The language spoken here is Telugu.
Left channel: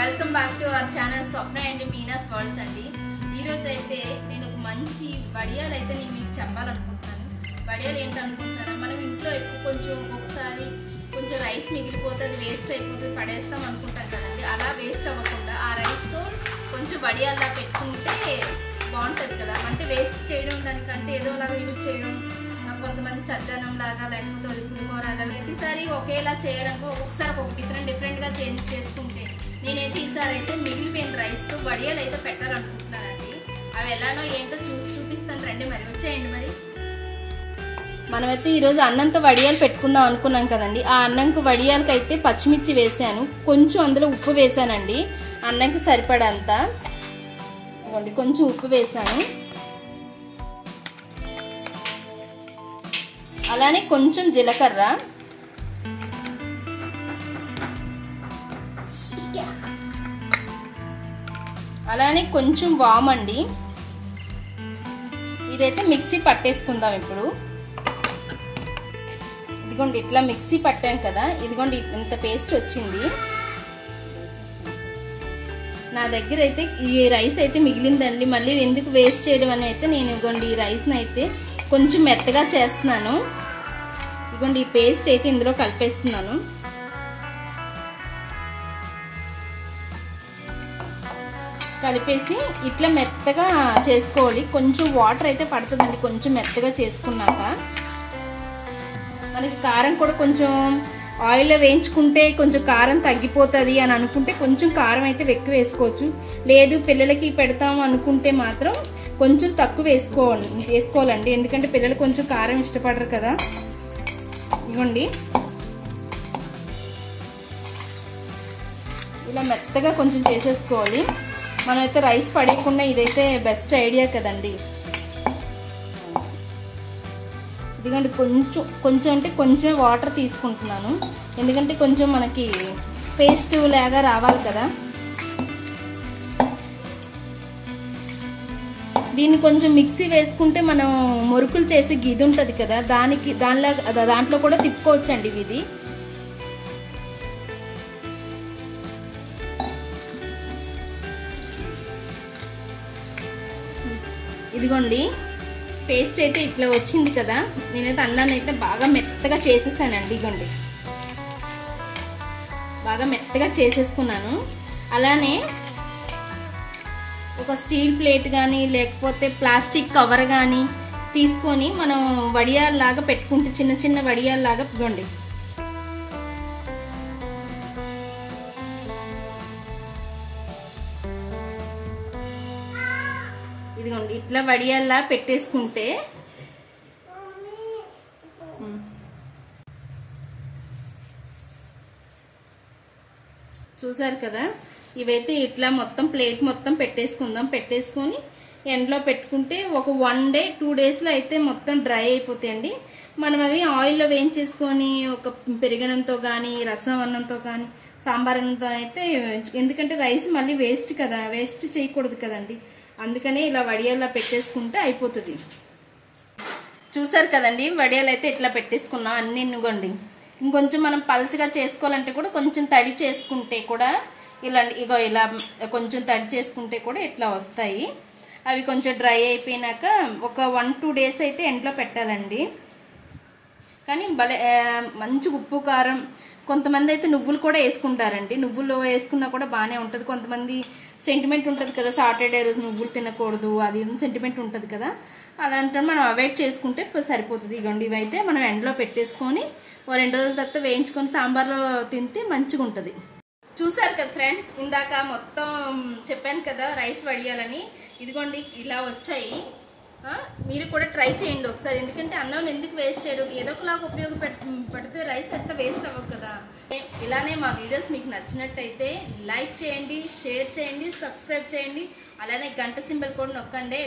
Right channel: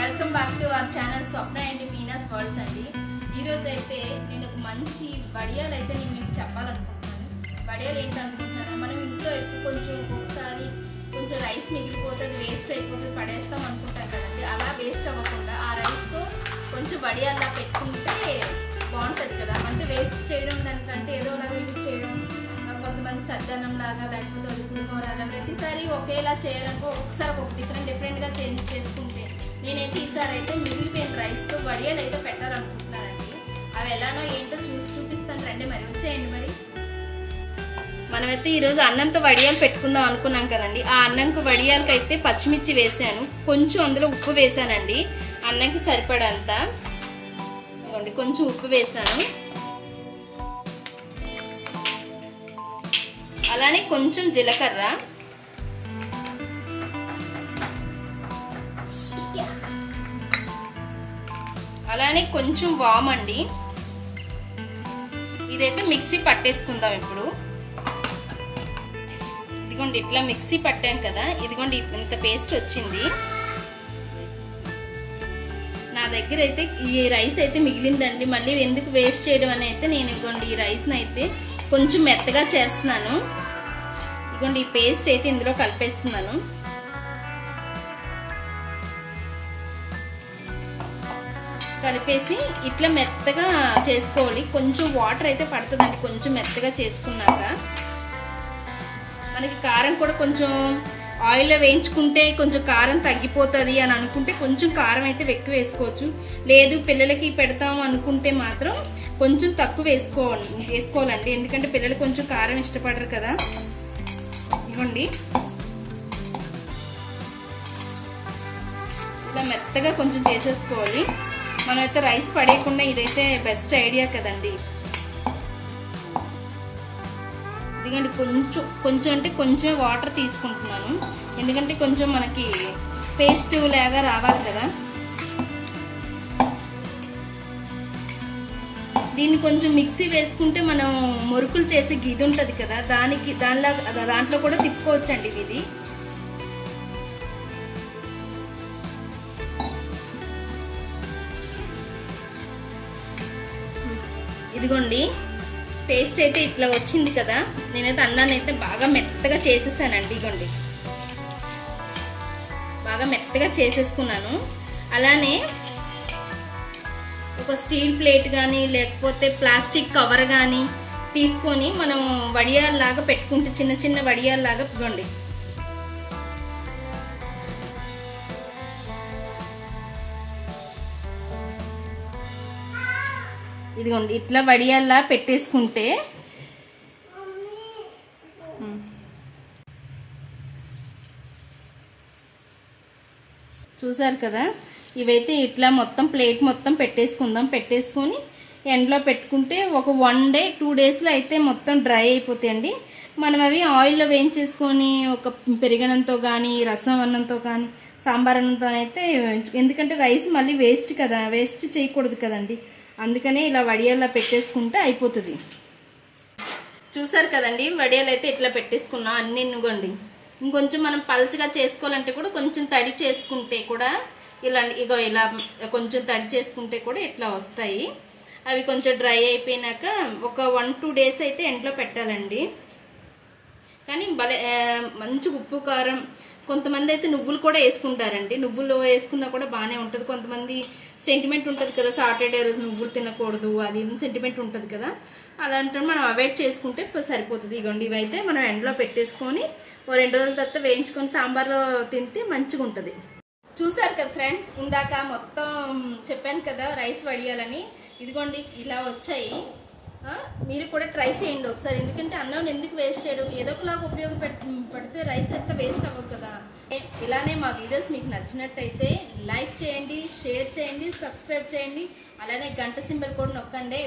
Welcome back to our channel Swapna and Meena's world's అండి. ఈరోజు అయితే నేను ఒక మంచి వడియాలు అయితే నేను మీకు చెప్పాలనుకుంటున్నాను. వడియాలు ఏంటనుకుంటున్నారా, మనం ఇంట్లో ఎక్కువ ఒక్కొక్కసారి కొంచెం రైస్ మిగిలిపోతుంది, వేస్ట్ అయిపోతుంది, పడేస్తాం అనుకుంటాం కదండి. అలా వేస్ట్ అవ్వకుండా ఆ రైస్తో కొంచెం వడియాల్లా పెట్టుకుంటే బాగుంటుంది కదా. అంటే వేస్ట్ చేయడం దానికంటే ఏదోలాగా యూజ్ చేయడం, కొంతమంది చద్దనం లాగా లేకపోతే పులిహోర ప్రతిసారి ఒకేలా చేయాలనుకో, ఒక్కొక్కసారి ఒక డిఫరెంట్గా చేంజ్ చేసుకుంటే నేనైతే ఈసారి అయితే మిగిలిపోయిన రైస్తో వడియాలు అయితే పెట్టాలనుకుంటున్నానండి. అవి ఎలానో ఏంటో చూపిస్తాను రండి. మరి వచ్చేయండి. మరి మనమైతే ఈరోజు అన్నంతో వడియాలు పెట్టుకుందాం అనుకున్నాం కదండి. ఆ అన్నంకు వడియాలకి అయితే పచ్చిమిర్చి వేసాను, కొంచెం అందులో ఉప్పు వేసానండి, అన్నంకి సరిపడంత. కొంచెం ఉప్పు వేసాను, అలానే కొంచెం జీలకర్ర, అలానే కొంచెం వామండి. ఇదైతే మిక్సీ పట్టేసుకుందాం ఇప్పుడు. ఇదిగోండి ఇట్లా మిక్సీ పట్టాను కదా, ఇదిగోండి ఇంత పేస్ట్ వచ్చింది. నా దగ్గర అయితే ఈ రైస్ అయితే మిగిలిందండి, మళ్ళీ ఎందుకు వేస్ట్ చేయడం అని అయితే నేను ఇదిగోండి ఈ రైస్ని అయితే కొంచెం మెత్తగా చేస్తున్నాను. ఇదిగోండి ఈ పేస్ట్ అయితే ఇందులో కలిపేస్తున్నాను. కలిపేసి ఇట్లా మెత్తగా చేసుకోవాలి. కొంచెం వాటర్ అయితే పడుతుందండి కొంచెం మెత్తగా చేసుకున్నాక. మనకి కారం కూడా కొంచెం ఆయిల్లో వేయించుకుంటే కొంచెం కారం తగ్గిపోతుంది అని అనుకుంటే కొంచెం కారం అయితే ఎక్కువ వేసుకోవచ్చు. లేదు పిల్లలకి పెడతాం అనుకుంటే మాత్రం కొంచెం తక్కువ వేసుకోవాలండి, ఎందుకంటే పిల్లలు కొంచెం కారం ఇష్టపడరు కదా. ఇవ్వండి ఇలా మెత్తగా కొంచెం చేసేసుకోవాలి. మనమైతే రైస్ పడేయకుండా ఇదైతే బెస్ట్ ఐడియా కదండి. ఎందుకంటే కొంచెం అంటే కొంచెం వాటర్ తీసుకుంటున్నాను, ఎందుకంటే కొంచెం మనకి పేస్ట్ లాగా రావాలి కదా. దీన్ని కొంచెం మిక్సీ వేసుకుంటే మనం మురుకులు చేసి గిది ఉంటుంది కదా, దాంట్లో కూడా తిప్పుకోవచ్చండి ఇది. ఇదిగోండి పేస్ట్ అయితే ఇట్లా వచ్చింది కదా. నేనైతే అన్నాన్ని అయితే బాగా మెత్తగా చేసేసానండి. ఇదిగోండి బాగా మెత్తగా చేసేసుకున్నాను. అలానే ఒక స్టీల్ ప్లేట్ కానీ లేకపోతే ప్లాస్టిక్ కవర్ కానీ తీసుకొని మనం వడియాల్లాగా పెట్టుకుంటే చిన్న చిన్న వడియాల్లాగా ఇదిగోండి ఇదిగోండి ఇట్లా వడియాల్లా పెట్టేసుకుంటే చూసారు కదా. ఇవైతే ఇట్లా మొత్తం ప్లేట్ మొత్తం పెట్టేసుకుందాం. పెట్టేసుకొని ఎండలో పెట్టుకుంటే ఒక 1 day 2 daysలో అయితే మొత్తం డ్రై అయిపోతాయండి. మనం అవి ఆయిల్లో వేయించేసుకొని ఒక పెరిగనంతో కానీ రసం అన్నంతో కానీ సాంబార్ అన్నంతో అయితే, ఎందుకంటే రైస్ మళ్ళీ వేస్ట్ కదా, వేస్ట్ చేయకూడదు కదండి, అందుకనే ఇలా వడియాల్లో పెట్టేసుకుంటే అయిపోతుంది. చూసారు కదండి వడియాలు అయితే ఇట్లా పెట్టేసుకున్నాం అన్ని. ఇవ్వండి ఇంకొంచెం మనం పల్చగా చేసుకోవాలంటే కూడా కొంచెం తడి చేసుకుంటే కూడా ఇలా కొంచెం తడి చేసుకుంటే కూడా ఇట్లా వస్తాయి. అవి కొంచెం డ్రై అయిపోయినాక ఒక 1-2 days అయితే ఎండలో పెట్టాలండి. కానీ మంచి ఉప్పు కారం, కొంతమంది అయితే నువ్వులు కూడా వేసుకుంటారండి. నువ్వులు వేసుకున్నా కూడా బాగానే ఉంటుంది. కొంతమంది సెంటిమెంట్ ఉంటుంది కదా, సాటర్డే రోజు నువ్వులు తినకూడదు అది సెంటిమెంట్ ఉంటుంది కదా, అలాంటి మనం అవాయిడ్ చేసుకుంటే సరిపోతుంది. ఇగోండి ఇవైతే మనం ఎండలో పెట్టేసుకొని 2 రోజుల తర్వాత వేయించుకొని సాంబార్లో తింటే మంచిగా ఉంటుంది. చూసారు కదా ఫ్రెండ్స్, ఇందాక మొత్తం చెప్పాను కదా రైస్ వడియాలని. ఇదిగోండి ఇలా వచ్చాయి. మీరు కూడా ట్రై చేయండి ఒకసారి, ఎందుకంటే అన్నం ఎందుకు వేస్ట్ చేయడం, ఏదో ఒకలాగా ఉపయోగపడితే రైస్ ఎంత వేస్ట్ అవ్వదు కదా. ఇలానే మా వీడియోస్ మీకు నచ్చినట్టయితే లైక్ చేయండి, షేర్ చేయండి, సబ్స్క్రైబ్ చేయండి, అలానే గంట సింబల్ కూడా నొక్కండి.